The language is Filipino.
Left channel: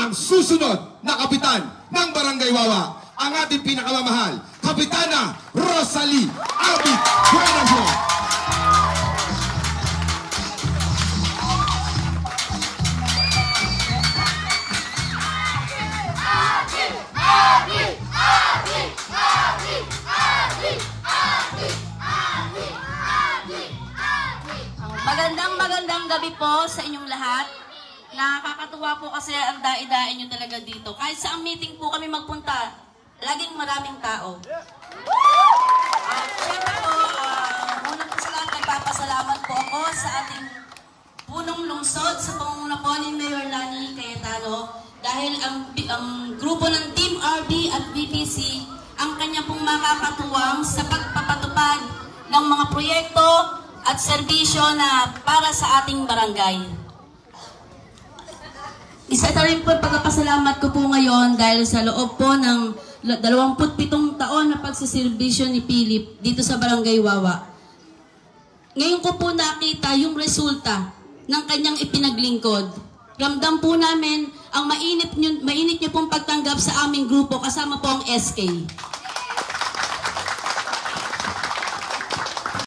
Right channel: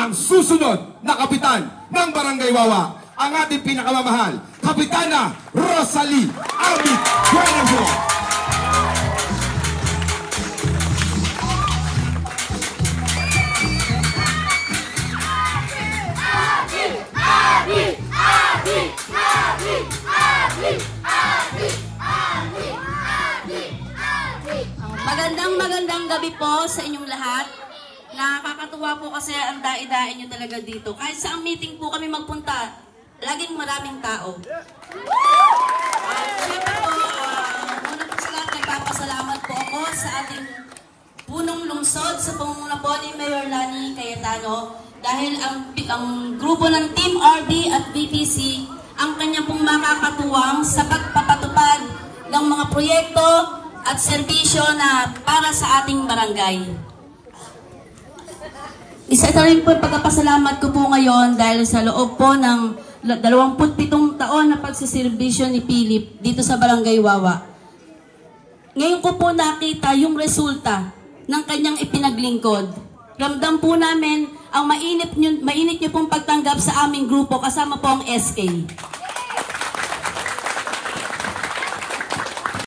ang susunod na kapitan ng Barangay Wawa, ang ating pinakamamahal, Kapitana Rosalie Arbit Buenaventura. Magandang gabi po sa inyong lahat. Nakakatuwa po kasi ang dai-dai nyo talaga dito. Kahit sa meeting po kami magpunta, laging maraming tao. Siyempre po, muna po sa lahat, nagpapasalamat po ako sa ating punong lungsod sa pangunguna po ni Mayor Lani Cayetano dahil ang grupo ng Team RD at BTC ang kanya pong makakatuwang sa pagpapatupad ng mga proyekto at serbisyo na para sa ating barangay. Isa na rin po pagpapasalamat ko po ngayon dahil sa loob po ng 27 taon na pagsiservisyo ni Philip dito sa Barangay Wawa. Ngayon ko po nakita yung resulta ng kanyang ipinaglingkod. Ramdam po namin ang mainit niyo pong pagtanggap sa aming grupo kasama po ang SK.